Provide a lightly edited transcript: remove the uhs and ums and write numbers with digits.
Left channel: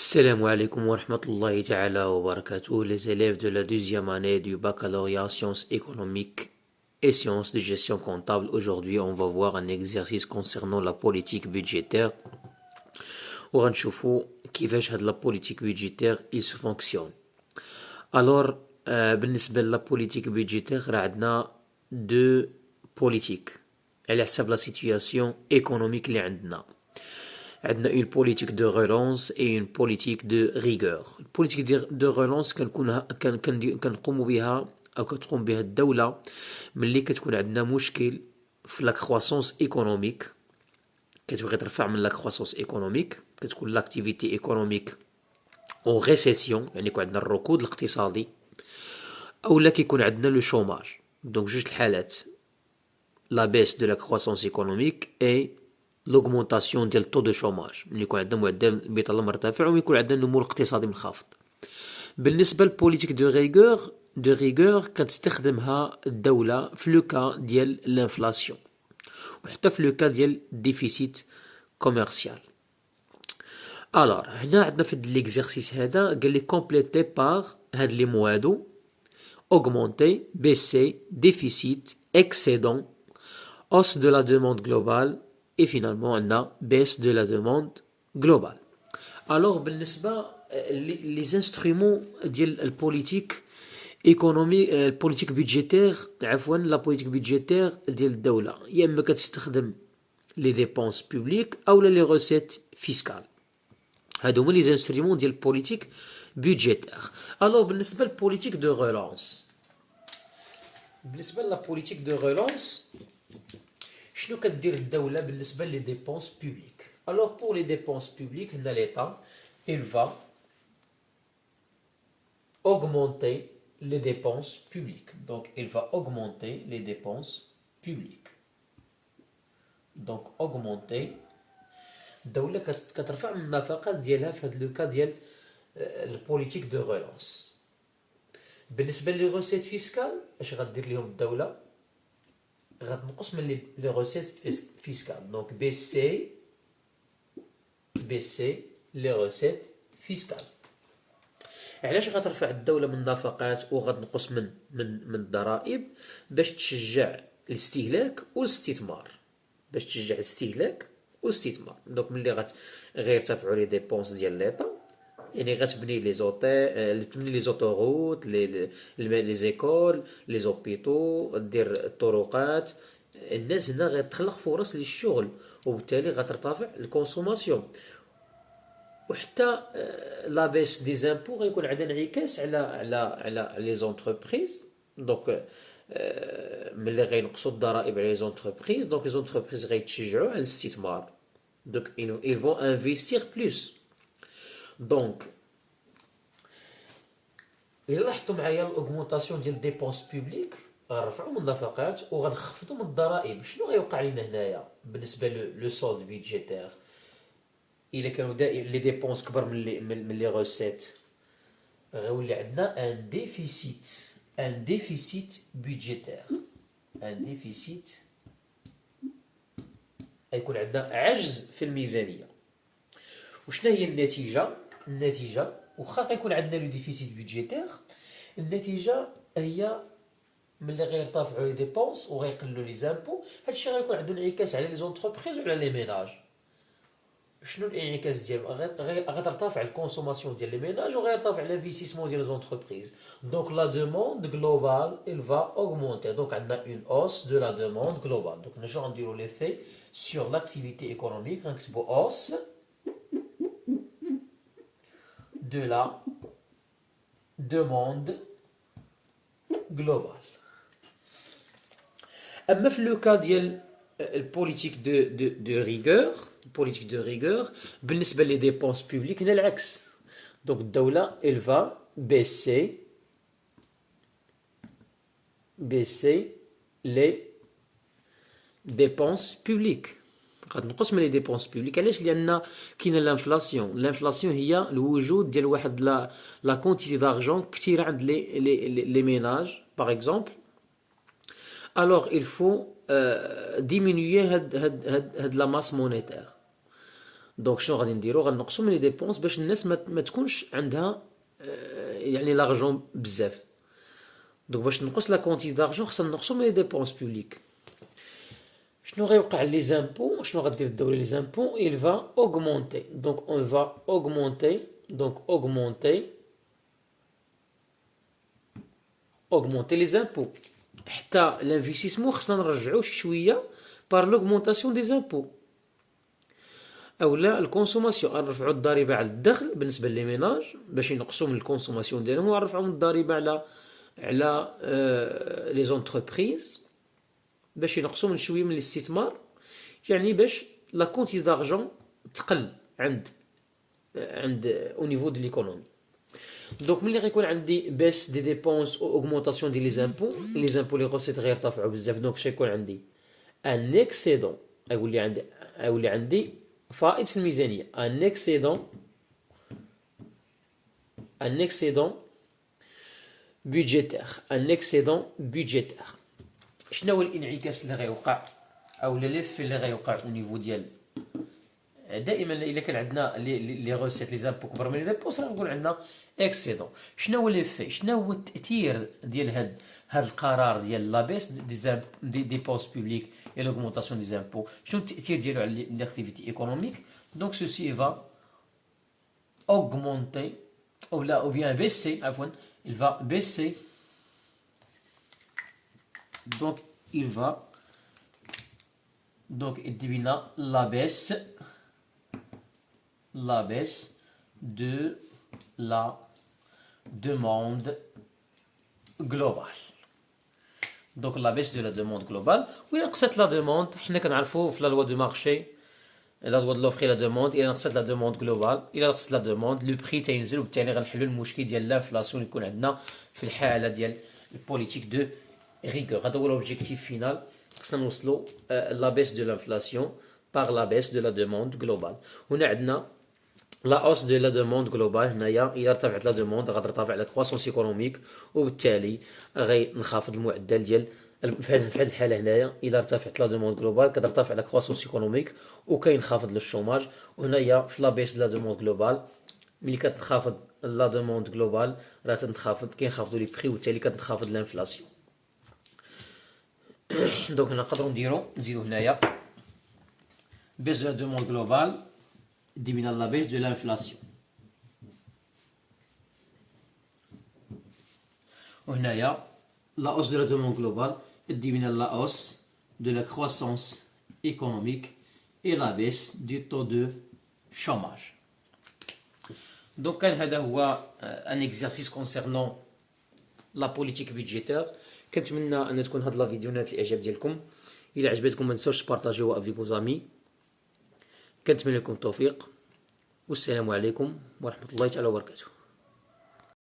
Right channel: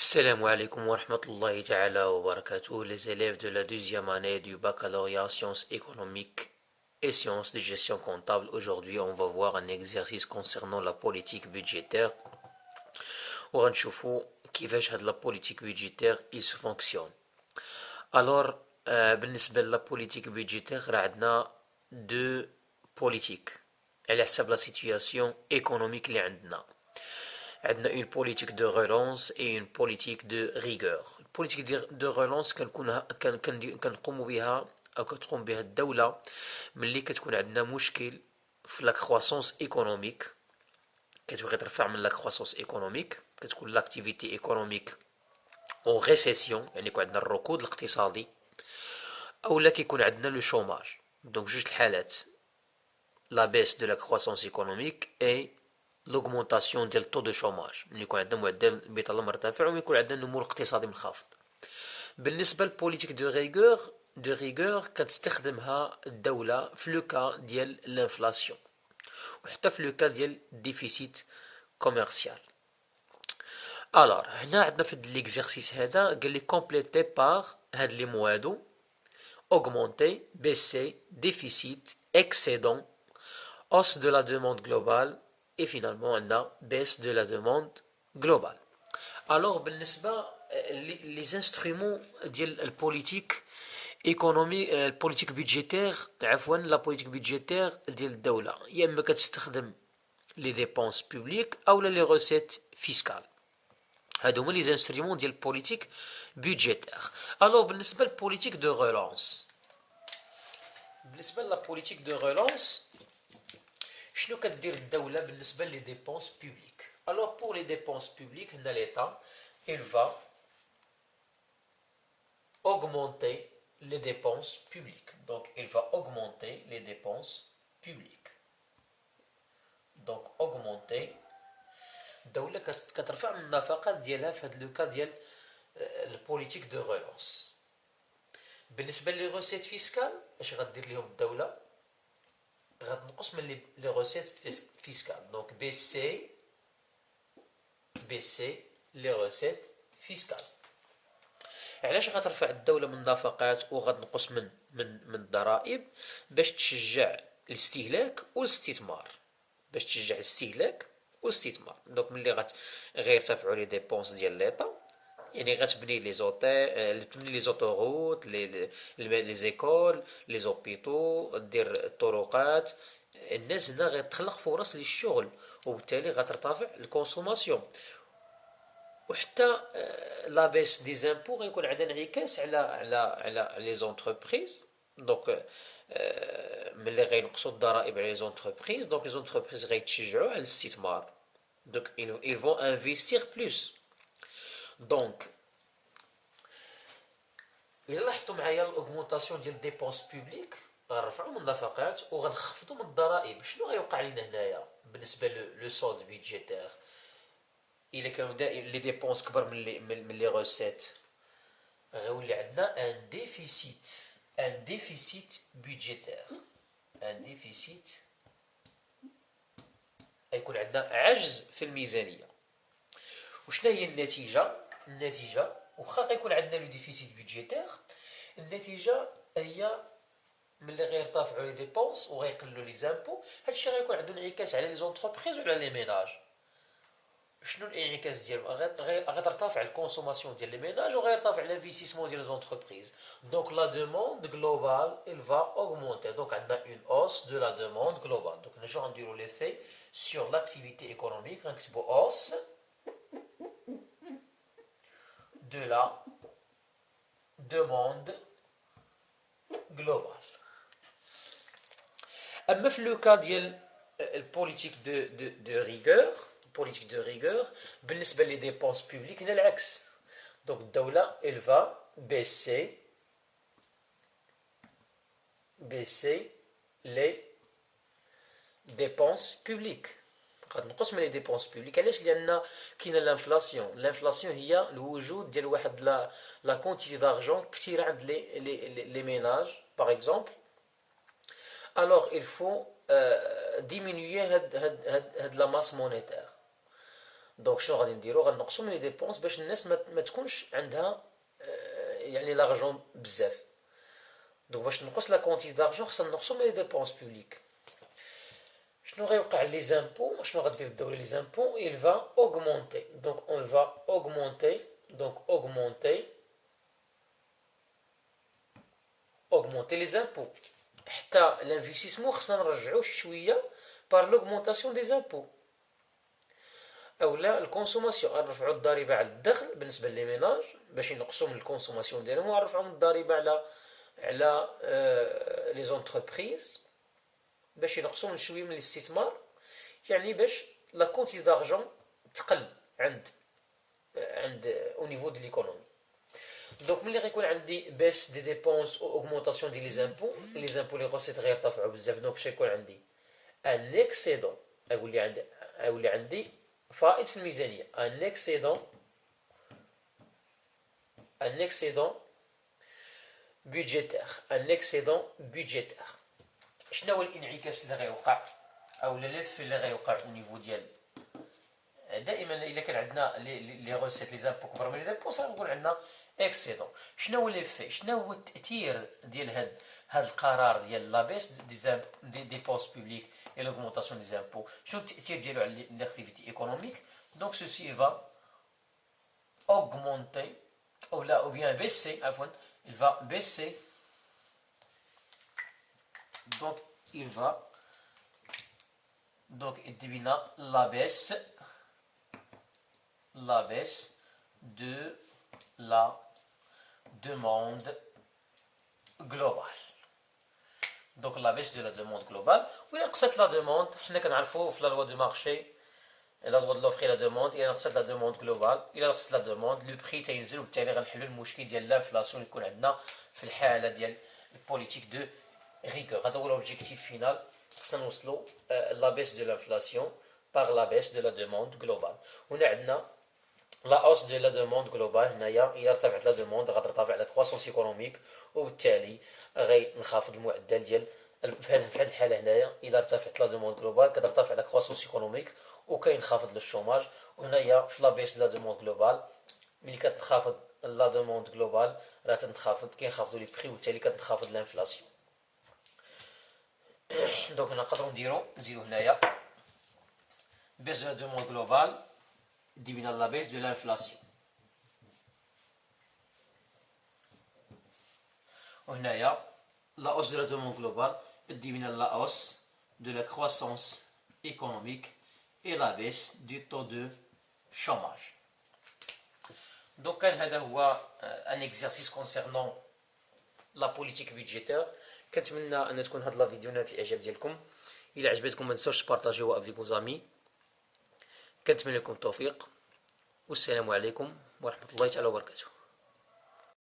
Salam alaikum wa rahmatullahi ta'ala wa barakatuh, les élèves de la deuxième année du baccalauréat sciences économiques et sciences de gestion comptable. Aujourd'hui, on va voir un exercice concernant la politique budgétaire. وغنشوفوا كيفاش هاد la politique budgétaire il se fonctionne. Alors, بالنسبة لا politique budgétaire راه عندنا deux politiques على حسب la situation économique اللي عندنا. عندنا une politique de relance et une politique de rigueur. البوليتيك de relance كنقوموا بها أو كتقوم بها الدولة ملي كتكون عندنا مشكل في لا croissance économique، كتبغي ترفع من لا croissance économique، كتكون l'activité économique en récession، يعني يكون عندنا الركود الاقتصادي، أولا كيكون عندنا لو شوماج. دونك جوج الحالات، la baisse de la croissance économique et l'augmentation ديال التو دو شوماج، ملي يكون عندنا معدل البطاله مرتفع ويكون عندنا النمو الاقتصادي منخفض. بالنسبه للبوليتيك دو ريغور كتستخدمها الدوله في لو كا ديال الانفلاسيون وحتى في لو كا ديال ديفيسيت كوميرسيال. الوغ هنا عندنا في ليكزارسيس هذا قال لي كومبليتي باغ هاد لي مو هادو augmenter, baisser, déficit, excédent, hausse de la demande globale et finalement on a baisse de la demande globale. Alors بالنسبة les instruments ديال البوليتيك économique البوليتيك budgétaire عفوا لا بوليتيك budgétaire ديال الدولة يا اما كتستخدم les dépenses publiques او les recettes fiscales. هادو هما les instruments ديال البوليتيك budgétaire. Alors بالنسبة للبوليتيك دو رولانس، بالنسبة للبوليتيك دو رولانس شنو كدير الدولة بالنسبة لي ديبونس بوبليك؟ Alors pour les dépenses publiques هنا l'État il va augmenter les dépenses publiques. Donc il va augmenter les dépenses publiques. Donc augmenter الدولة كترفع من النفقات ديالها في هذا لو كا ديال البوليتيك دو رولانس. بالنسبة لي روسيت فيسكال اش غدير ليهم الدولة؟ غتنقص من لي روسيت فيسكال. دونك بيسي لي روسيت فيسكال. علاش غترفع الدولة من النفقات وغتنقص من الضرائب؟ باش تشجع الاستهلاك والاستثمار، باش تشجع الاستهلاك والاستثمار. دونك ملي غيرتفعوا لي ديبونس ديال ليطا، يعني غتبني لي زوتيل، تبني لي زوتوروت، لي زيكول، لي زوبيتو، دير الطرقات، الناس هنا غتخلق فرص للشغل وبالتالي غترتفع الكونسوماسيون. وحتى لا بيس دي زامبو غيكون عندها انعكاس على لي زونتربريز. دونك ملي غينقصوا الضرائب على لي زونتربريز، دونك لي زونتربريز غيتشجعوا على الاستثمار، دونك ils vont investir plus. دونك إلا لاحظتوا معايا الاوغمونطاسيون ديال ديبونس بوبليك غنرفعوا من النفقات وغنخفضوا من الضرائب. شنو غيوقع لينا هنايا بالنسبه لو سولد بيدجيتير؟ الا كانوا لي ديبونس كبر من لي غوسيت غيولي عندنا ان ديفيسيت بيدجيتير. ان ديفيسيت غيكون عندنا عجز في الميزانيه. وشنا هي النتيجه واخا غيكون عندنا لو ديفيسيت بيدجيتير، النتيجه هي ملي غيرتفعوا لي ديبونس وغيقلوا لي زامبو، هادشي غيكون عنده انعكاس على لي زونتربريز وعلى لي ميناج. شنو الانعكاس ديالو؟ غترتفع الكونسوماسيون ديال لي ميناج وغيرتفع الانفستيسمون ديال لي زونتربريز. دونك لا دوموند غلوبال il va augmenter. دونك عندنا une hausse de la demande globale. دونك نجي غنديرو l'effet sur l'activité économique، غنكتبو hausse de la demande globale. اما في لو كا ديال البوليتيك دو ريغور بالنسبه لي ديبونس بوبليك هنا العكس. دونك الدوله il va baisser les dépenses publiques. غتنقص من لي ديبونس بوبليك. علاش؟ لان كاينه الانفلاسيون هي الوجود ديال واحد لا كونتيتي دارجون كثيره عند لي ميناج باغ اكزومبل. Alors il faut diminuer هاد la masse monétaire. دونك شنو غادي نديرو؟ غنقصو من لي ديبونس باش الناس ما تكونش عندها يعني لاغجون بزاف. دونك باش نقص لا كونتي دارجون خصنا نقصو من لي ديبونس بوبليك. شنو غيوقع لي زامبو؟ شنو غدير الدولة لي زامبو؟ il va augmenter. Donc on va augmenter. Donc augmenter les impôts. حتى l'investissement خصنا نرجعوه شي شوية par l'augmentation des impôts. اولا الكونسوماسيون غنرفعوا الضريبه على الدخل بالنسبه لي ميناج باش ينقصوا من الكونسوماسيون ديالهم، وغنرفعوا من الضريبه على لي زونتربريز باش ينقصوا من شويه من الاستثمار، يعني باش لا كونتي دارجون تقل عند او نيفو دو ليكونومي. دونك ملي غيكون عندي باس دي ديبونس او اوغمونطاسيون ديال لي زامبو لي غوسيت غيرتفعوا بزاف، دونك شيكون عندي ان اكسيدون، يولي عندي فائض في الميزانيه، ان اكسيدون بودجيتير. شنو هو الانعكاس اللي غيوقع او ليف اللي غيوقع او نيفو ديال دائما الا كان عندنا لي غوسيت لي زامبو كبر من لي ديبونس غنقول عندنا اكسيدون. شنو هو ليفي؟ شنو هو التاثير ديال هاد القرار ديال لا بيس دي ديبونس بوبليك et l'augmentation des impôts؟ شنو التاثير ديالو على l'activité économique؟ donc ceci va augmenter ou bien baisser عفوا il va baisser. donc il va donc éliminer la baisse de la demande globale. Donc la baisse de la demande globale. وإلا نقصت لا دوموند حنا كنعرفوا في لا لوا دو مارشي، لا لوا دو لوفر لا دوموند، إلا نقصت لا دوموند جلوبال، إلا نقصت لا دوموند لو بري تينزل، وبالتالي غنحلوا المشكل ديال لانفلاسيون اللي يكون عندنا في الحالة ديال البوليتيك دو ريغور. هذا هو لوبجيكتيف فينال، خصنا نوصلوا لا بيس دو لانفلاسيون باغ لا بيس دو لا دوموند جلوبال. هنا عندنا لا اوس دو لا دوموند جلوبال، هنايا الا ارتفعت لا دوموند غترتفع لا كرواسونس ايكونوميك، وبالتالي غينخفض المعدل ديال في هذه الحاله هنايا الا ارتفعت لا دوموند جلوبال كترتفع لا كرواسونس ايكونوميك وكينخفض الشوماج. وهنايا في لا بيس لا دوموند جلوبال ملي كتنخفض لا دوموند جلوبال راه تنخفض كينخفضوا لي بري، وبالتالي كتنخفض الانفلاسيون. دونك نقدروا نزيدو هنايا بيس دو لا دوموند جلوبال diminue la baisse de l'inflation. وهنايا la hausse de la demande globale diminue la hausse de la croissance économique et la baisse du taux de chômage. Donc هذا هو un exercice concernant la politique budgétaire. كنتمنى ان تكون هاد لا فيديو نالت الاعجاب ديالكم. الى عجبتكم ما تنساوش تبارطاجيوها افيك فوز امي. كنتمنى لكم التوفيق، والسلام عليكم ورحمة الله تعالى وبركاته.